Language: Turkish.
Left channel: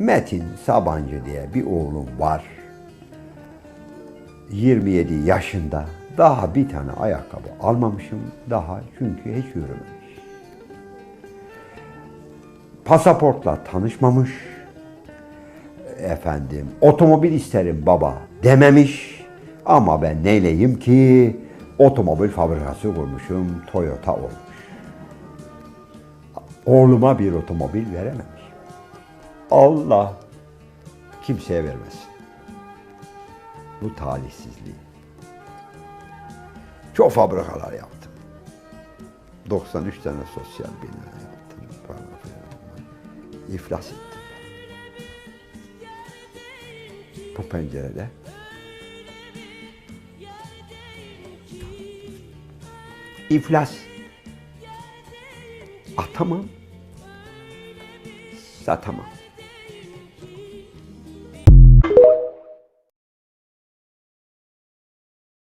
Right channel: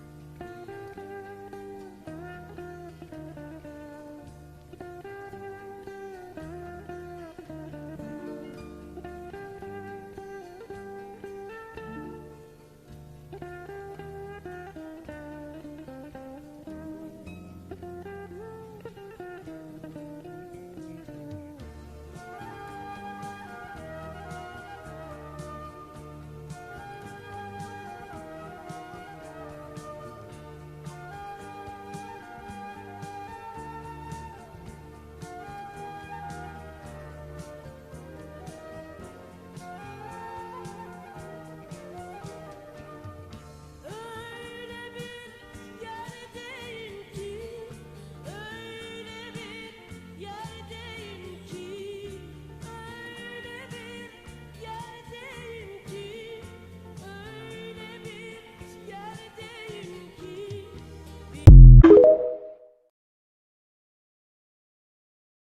Metin Sabancı diye bir oğlum var. 27 yaşında. Daha bir tane ayakkabı almamışım daha çünkü hiç yürümemiş. Pasaportla tanışmamış. Efendim otomobil isterim baba dememiş. Ama ben neyleyim ki otomobil fabrikası kurmuşum Toyota olmuş. Oğluma bir otomobil verememiş. Allah kimseye vermesin. Bu talihsizliği. Çok fabrikalar yaptım. 93 tane sosyal bilimler yaptım. İflas ettim. Bu pencerede iflas. Atamam. Satamam.